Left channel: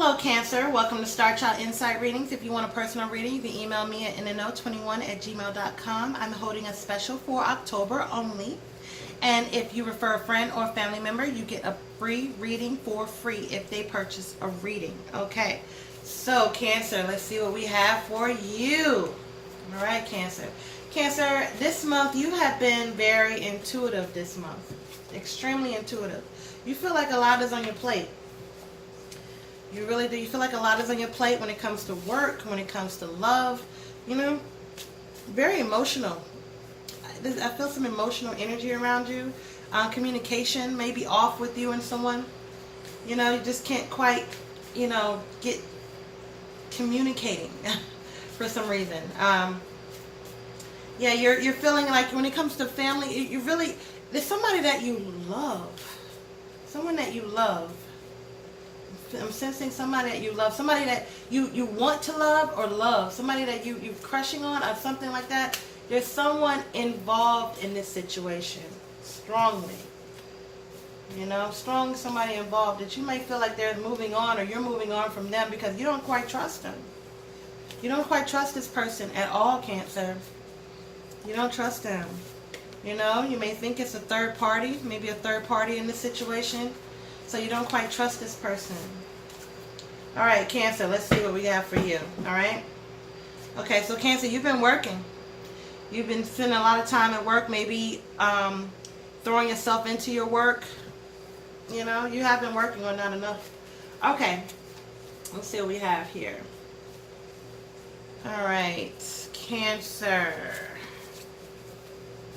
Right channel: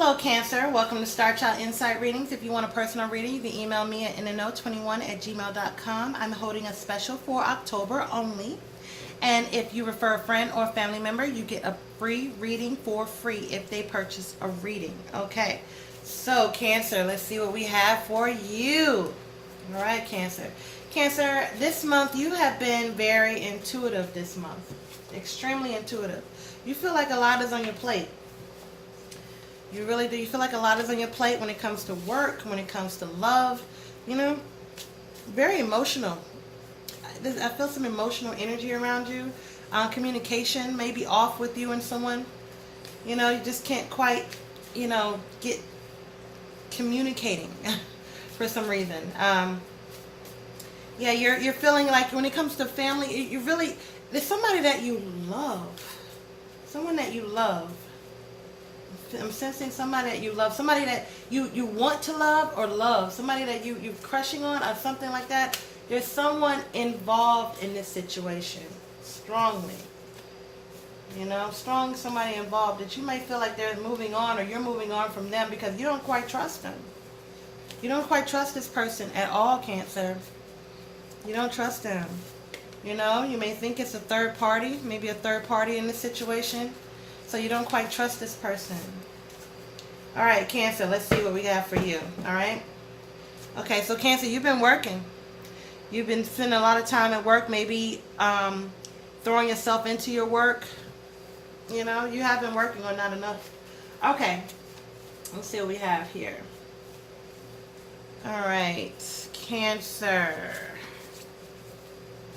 Hello, Cancer. Welcome to Star Child Insight Readings. If you want a personal reading, you can email me at inano21@gmail.com. I'm holding a special for October only. And if you refer a friend or family member, you get a free reading for free if they purchase a reading. Okay. So, Cancer, let's see what we have for you. All right, Cancer. Cancer, this month you have been very intuitive this month. Extremely intuitive. You feel like a lot is on your plate. You really do. You feel like a lot is on your plate when it comes to work, when it comes to love. You know, very emotional. I feel some emotional energy around you. Communication may be off with you and someone. You know, you just can't quite, get communicating for some reason. Yeah, you're feeling like when it comes to family, you really, there's somebody that you love. Someone that you love. I'm sensing somebody that you love, somebody that you want to love or love, somebody that you're crushing on or something like that. There's someone involved in this situation, strongly. Strong somebody involved that you may feel like they're moving on or you're moving on from them because you don't quite trust them. You don't quite trust this person at all, Cancer. You don't trust them. You may think it's a third party, maybe a third party in this situation. So you don't quite trust this person. All right, Cancer, let's see what we got for you. All right? Okay, so Cancer, you've been working. You've been spending a lot of time at work, maybe throwing yourself into your work. You have been working or not enough. Okay, let's see what we have here. All right, Cancer.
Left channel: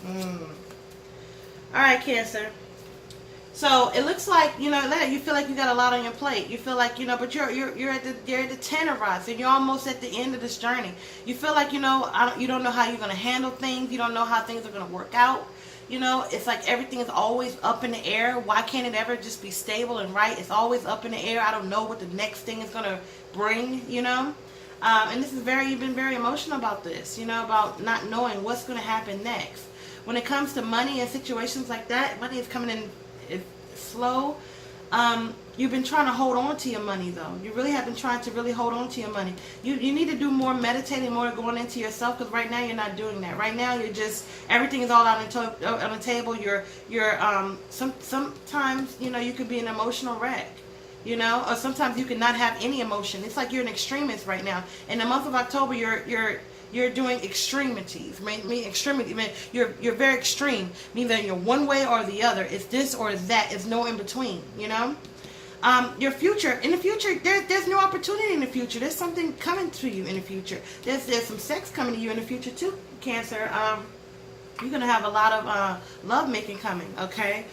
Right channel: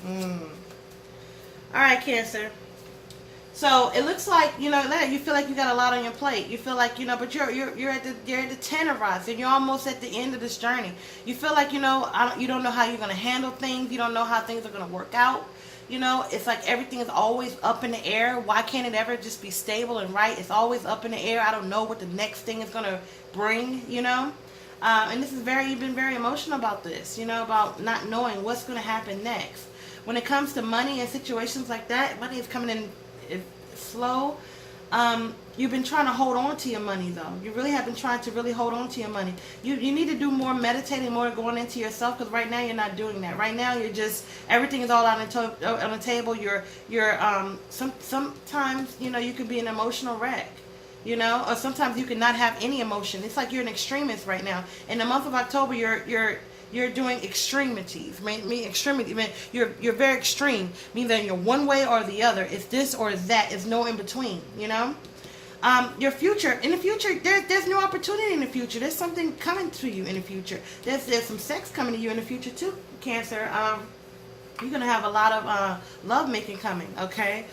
All right, Cancer. So it looks like that you feel like you got a lot on your plate. You feel like but you're at the 10 of rods, and you're almost at the end of this journey. You feel like you don't know how you're going to handle things. You don't know how things are going to work out. It's like everything is always up in the air. Why can't it ever just be stable and right? It's always up in the air. I don't know what the next thing is going to bring. And this is you've been very emotional about this. About not knowing what's going to happen next. When it comes to money and situations like that, money is coming in. It's slow. You've been trying to hold on to your money, though. You really have been trying to really hold on to your money. You need to do more meditating, more going into yourself, because right now you're not doing that. Right now you're just, everything is all out on the table. Sometimes you could be an emotional wreck. Or sometimes you can not have any emotion. It's like you're an extremist right now. In the month of October, you're doing extremities. You're very extreme. Meaning that you're one way or the other. It's this or it's that. It's no in between. Your future. In the future, there's new opportunity in the future. There's something coming to you in the future. There's some sex coming to you in the future too, Cancer. You're gonna have a lot of love making coming. Okay.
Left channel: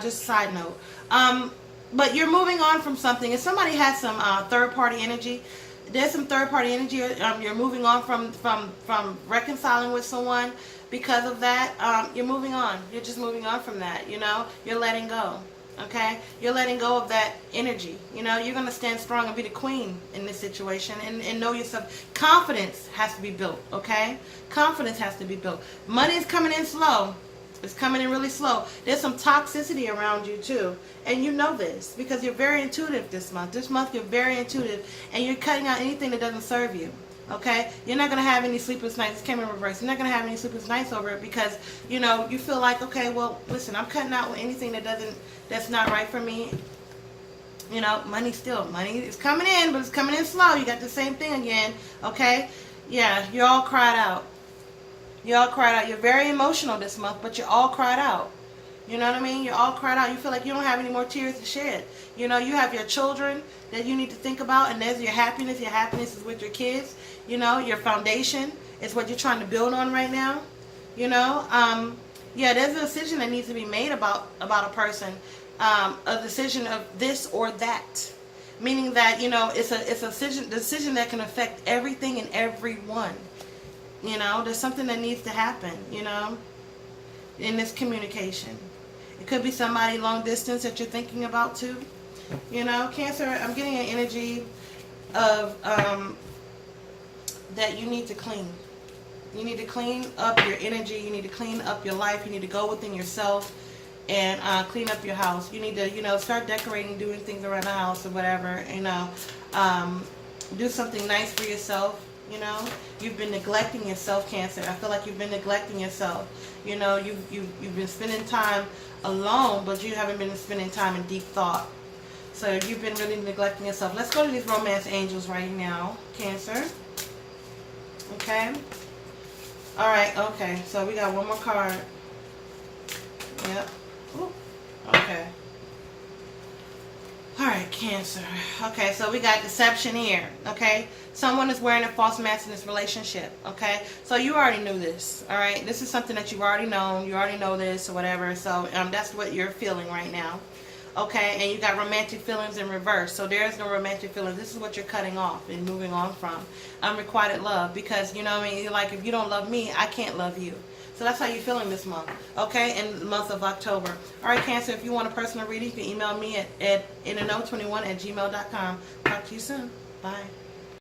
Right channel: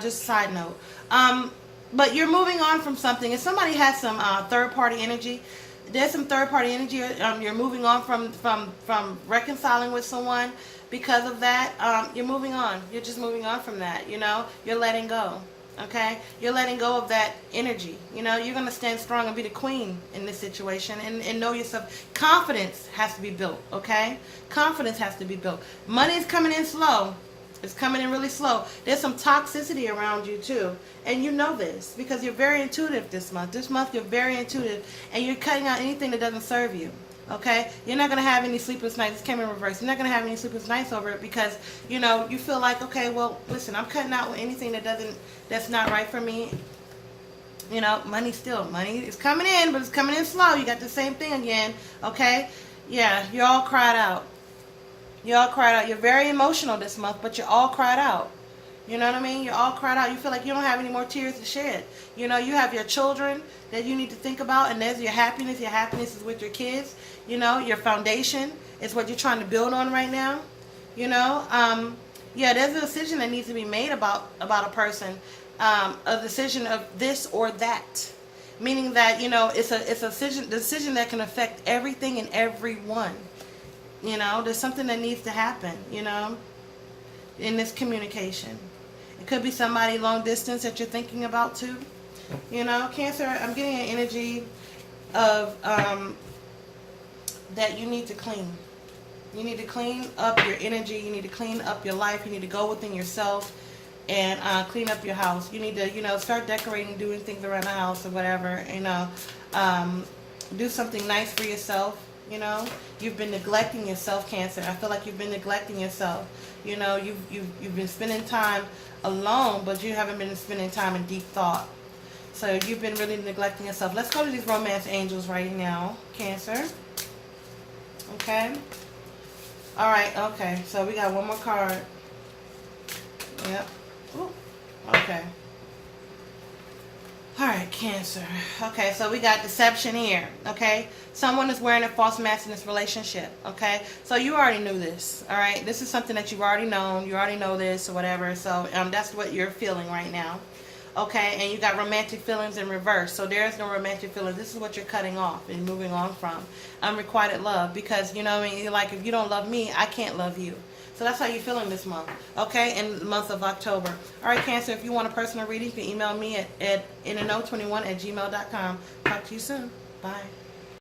Just a side note. But you're moving on from something. If somebody has some third party energy. There's some third-party energy. You're moving on from reconciling with someone. Because of that, you're moving on. You're just moving on from that. You're letting go. Okay, you're letting go of that energy. You're going to stand strong and be the queen in this situation and know yourself. Confidence has to be built. Okay, confidence has to be built. Money is coming in slow. It's coming in really slow. There's some toxicity around you too. And you know this because you're very intuitive this month. This month you're very intuitive and you're cutting out anything that doesn't serve you. Okay? You're not going to have any sleepless nights. It came in reverse. You're not going to have any sleepless nights over it because, you feel like, okay, well, listen, I'm cutting out anything that's not right for me. Money is coming in, but it's coming in slow. You got the same thing again. Okay? Yeah, you're all cried out. You're all cried out. You're very emotional this month, but you're all cried out. You know what I mean? You're all cried out. You feel like you don't have any more tears to shed. You have your children that you need to think about, and there's your happiness. Your happiness is with your kids. Your foundation is what you're trying to build on right now. Yeah, there's a decision that needs to be made about a person. A decision of this or that. Meaning that, it's a decision that can affect everything and everyone. There's something that needs to happen, in this communication. It could be somebody long distance that you're thinking about too. Cancer, I'm getting an energy of that you need to clean. You need to clean up your energy. You need to clean up your life. You need to go within yourself. and clean up your house. You need to, start decorating, doing things around the house or whatever. Do something nice for yourself. You've been neglecting yourself, Cancer. I feel like you've been neglecting yourself. You've been spending time alone, but you haven't been spending time in deep thought. So you've been really neglecting yourself. Let's go to these romance angels right now, Cancer. Okay. All right. Okay. So we got one more card. Yep. Ooh. Okay. All right, Cancer. Okay, so we got deception here. Okay, someone is wearing a false mask in this relationship. Okay, so you already knew this. All right, this is something that you've already known. You already know this or whatever. So that's what you're feeling right now. Okay, and you got romantic feelings in reverse. So there is no romantic feelings. This is what you're cutting off and moving on from. Unrequited love, because like if you don't love me, I can't love you. So that's how you're feeling this month, okay, in the month of October. All right, Cancer, if you want a personal reading, you can email me at inano21@gmail.com. Talk to you soon. Bye.